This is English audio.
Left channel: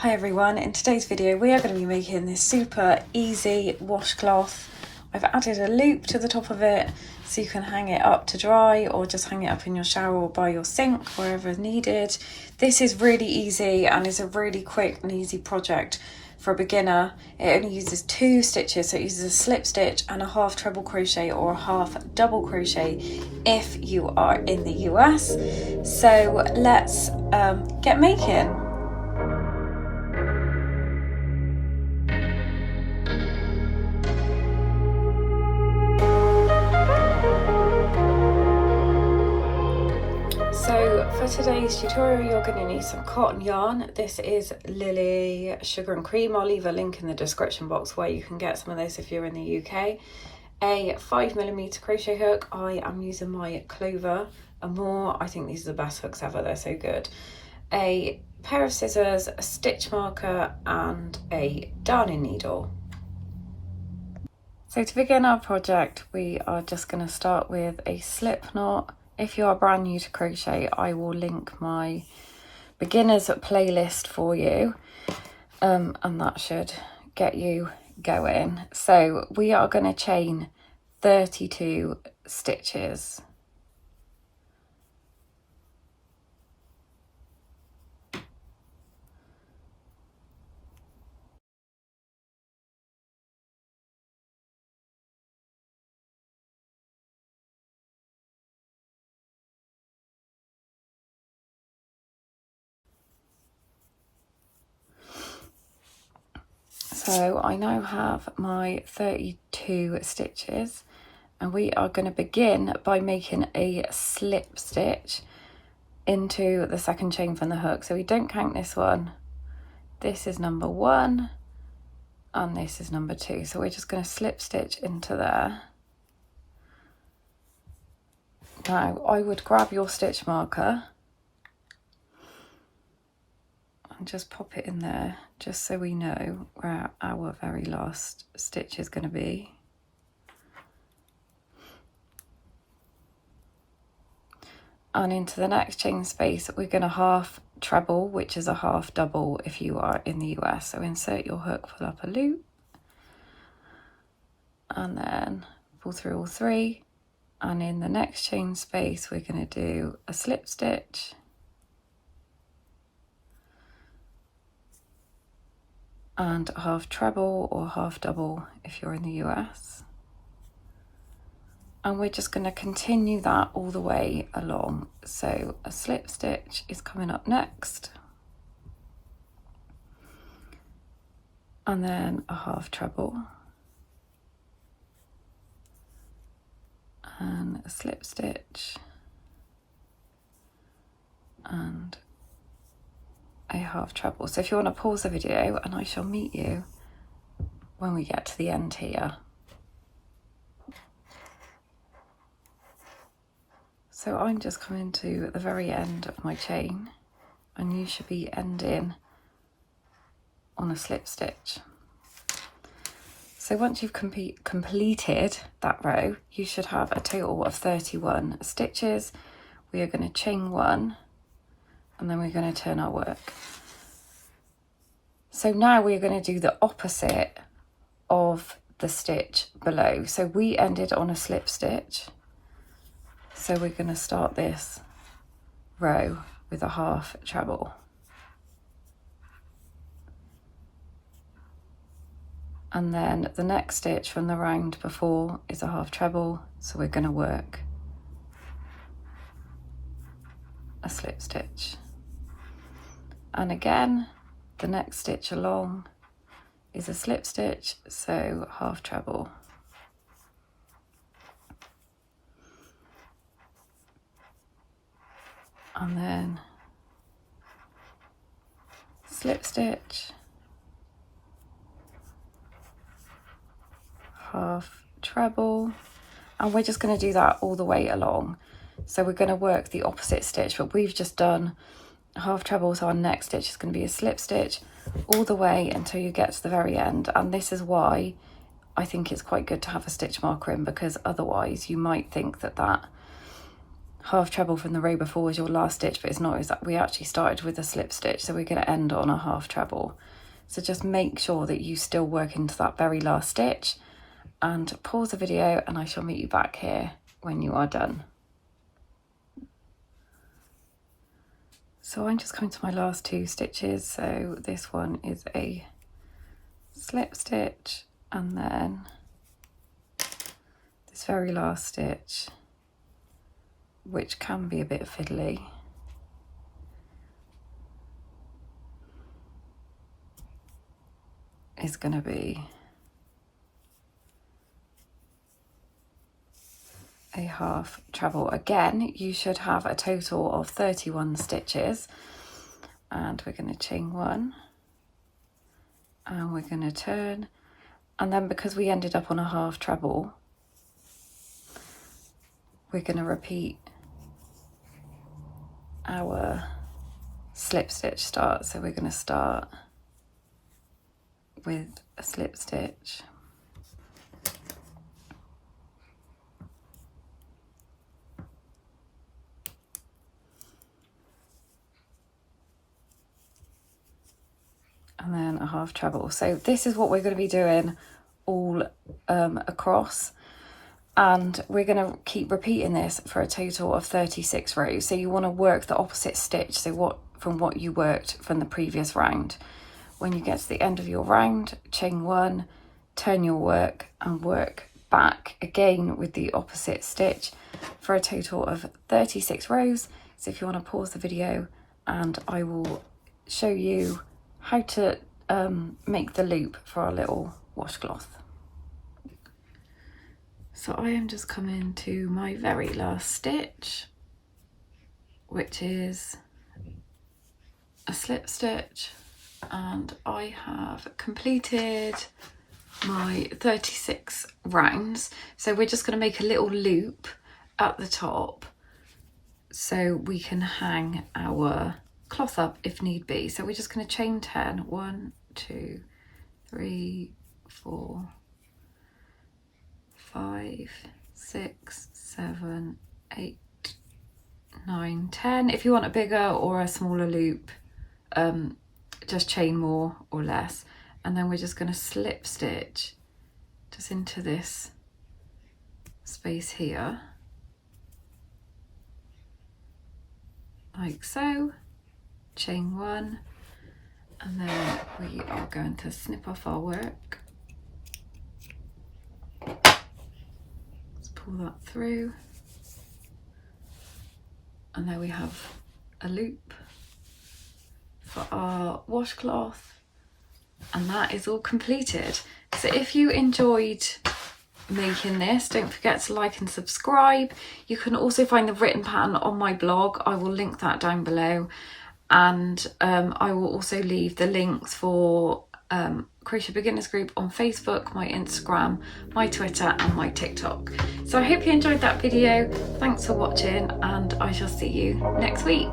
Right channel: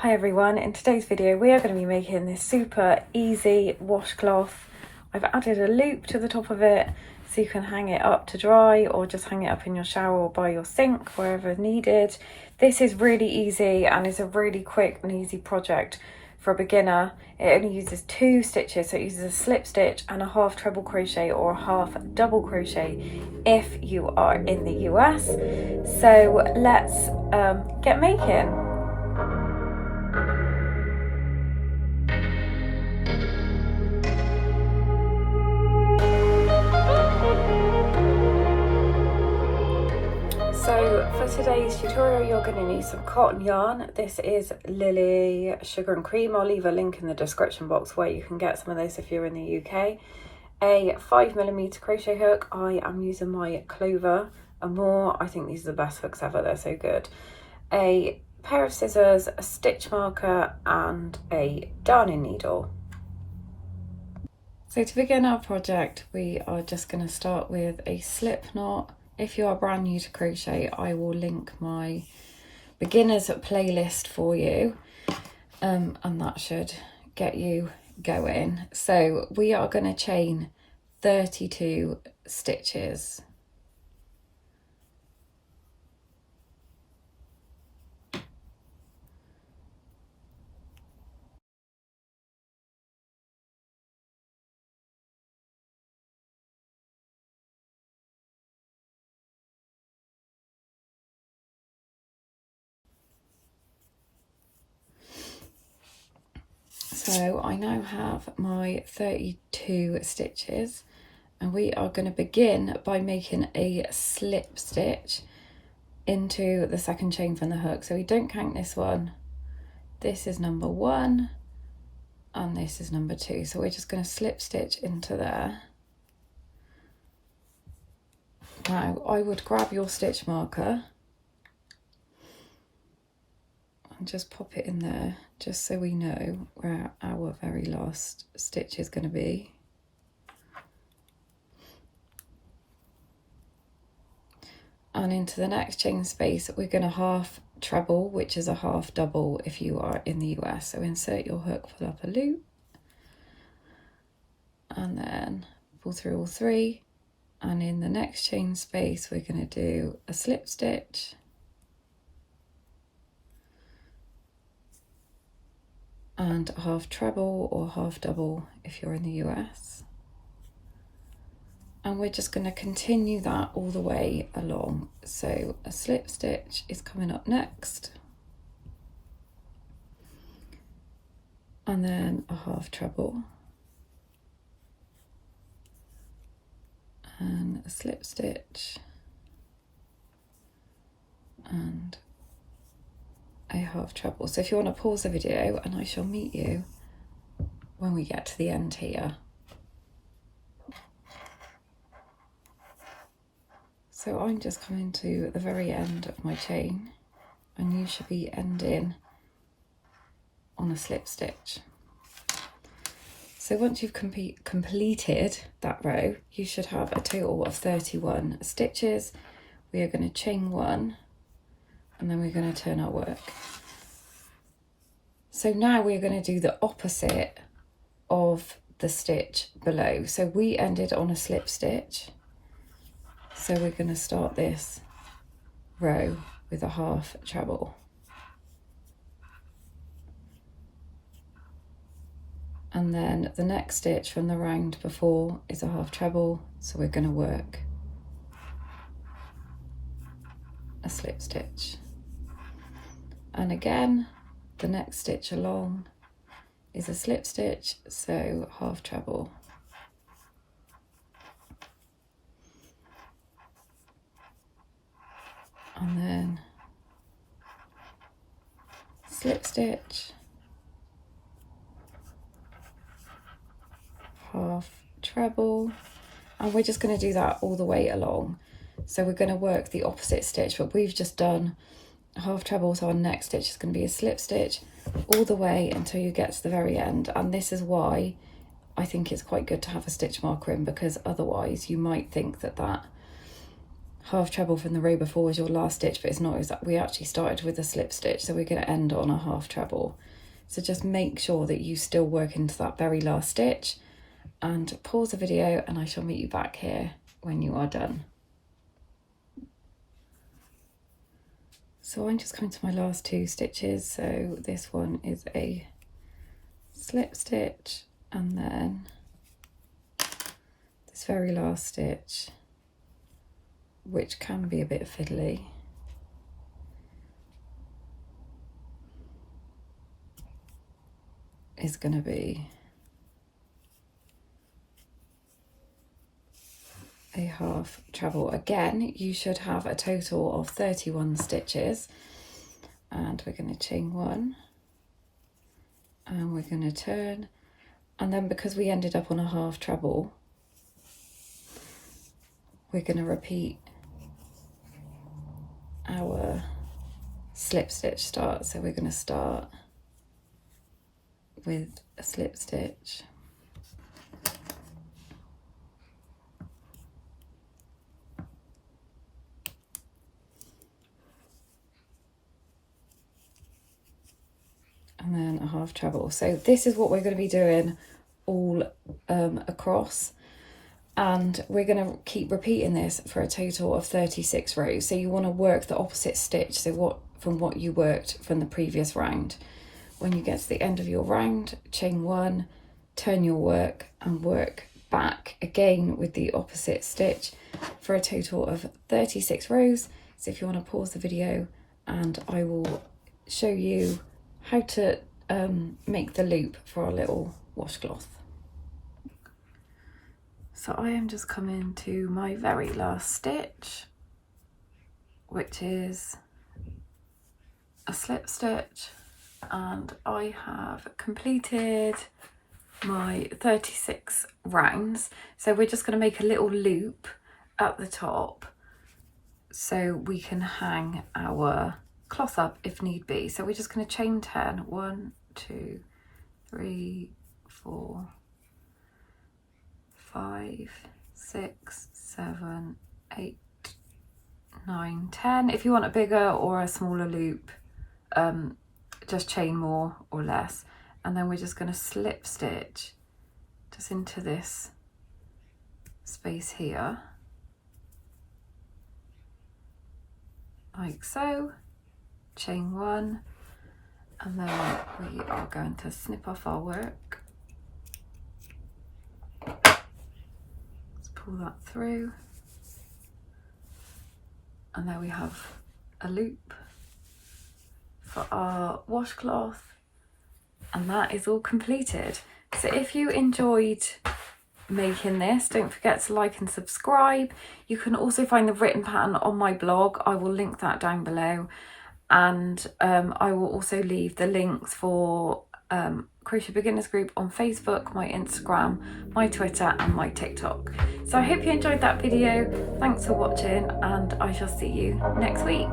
Hi everyone, in today's video we are going to be making this super easy washcloth. I've added a loop to the top of it so you can hang it up to dry or just hang it up in your shower or by your sink, wherever needed. This is really easy and is a really quick and easy project for a beginner. It only uses 2 stitches, so it uses a slip stitch and a half treble crochet or a half double crochet if you are in the US. So let's get making. So for today's tutorial you're going to need some cotton yarn. This is Lily Sugar and Cream. I'll leave a link in the description box where you can get some of this if you're in the UK. A 5mm crochet hook. I am using my Clover and More. I think these are the best hooks ever, they're so good. A pair of scissors, a stitch marker and a darning needle. So to begin our project we are just going to start with a slip knot. If you are brand new to crochet, I will link my beginners playlist for you, and that should get you going. So we are going to chain 32 stitches. So I now have my 32 stitches and we are going to begin by making a slip stitch into the second chain from the hook. So we don't count this one. This is number 1 and this is number 2. So we're just going to slip stitch into there. Now I would grab your stitch marker and just pop it in there, just so we know where our very last stitch is going to be. And into the next chain space we're going to half treble, which is a half double if you are in the US. So insert your hook, pull up a loop and then pull through all 3, and in the next chain space we're going to do a slip stitch and a half treble or half double if you're in the US. And we're just going to continue that all the way along. So a slip stitch is coming up next, and then a half treble and a slip stitch and a half treble. So if you want to pause the video, and I shall meet you when we get to the end here. So I'm just coming to the very end of my chain and you should be ending on a slip stitch. So once you've completed that row, you should have a total of 31 stitches. We are going to chain 1 and then we're going to turn our work. So now we're going to do the opposite of the stitch below. So we ended on a slip stitch. So we're going to start this row with a half treble. And then the next stitch from the round before is a half treble. So we're going to work a slip stitch. And again, the next stitch along is a slip stitch, so half treble. And then slip stitch, half treble, and we're just going to do that all the way along. So we're going to work the opposite stitch, but we've just done half treble, so our next stitch is going to be a slip stitch all the way until you get to the very end. And this is why I think it's quite good to have a stitch marker in, because otherwise you might think that that half treble from the row before as your last stitch, but it's not, we actually started with a slip stitch, so we're going to end on a half treble. So just make sure that you still work into that very last stitch, and pause the video and I shall meet you back here when you are done. So I'm just coming to my last 2 stitches. So this one is a slip stitch, and then this very last stitch, which can be a bit fiddly, is going to be a half treble. Again, you should have a total of 31 stitches, and we're going to chain 1 and we're going to turn, and then because we ended up on a half treble, we're going to repeat our slip stitch start. So we're going to start with a slip stitch, and then a half treble. So this is what we're going to be doing all across, and we're going to keep repeating this for a total of 36 rows. So you want to work the opposite stitch, so from what you worked from the previous round. When you get to the end of your round, chain 1, turn your work and work back again with the opposite stitch for a total of 36 rows. So if you want to pause the video, and I will show you how to make the loop for our little washcloth. So I am just coming to my very last stitch, which is a slip stitch, and I have completed my 36 rounds. So we're just going to make a little loop at the top so we can hang our cloth up if need be. So we're just going to chain 10. 1, 2, 3, 4, 5, 6, 7, 8, 9, 10. If you want a bigger or a smaller loop, just chain more or less, and then we're just going to slip stitch just into this space here, like so, chain 1, and then we are going to snip off our work. Let's pull that through, and there we have a loop for our washcloth, and that is all completed. So if you enjoyed making this, don't forget to like and subscribe. You can also find the written pattern on my blog. I will link that down below, and I will also leave the links for Crochet Beginners group on Facebook, my Instagram, my Twitter and my TikTok. So I hope you enjoyed that video. Thanks for watching, and I shall see you next week.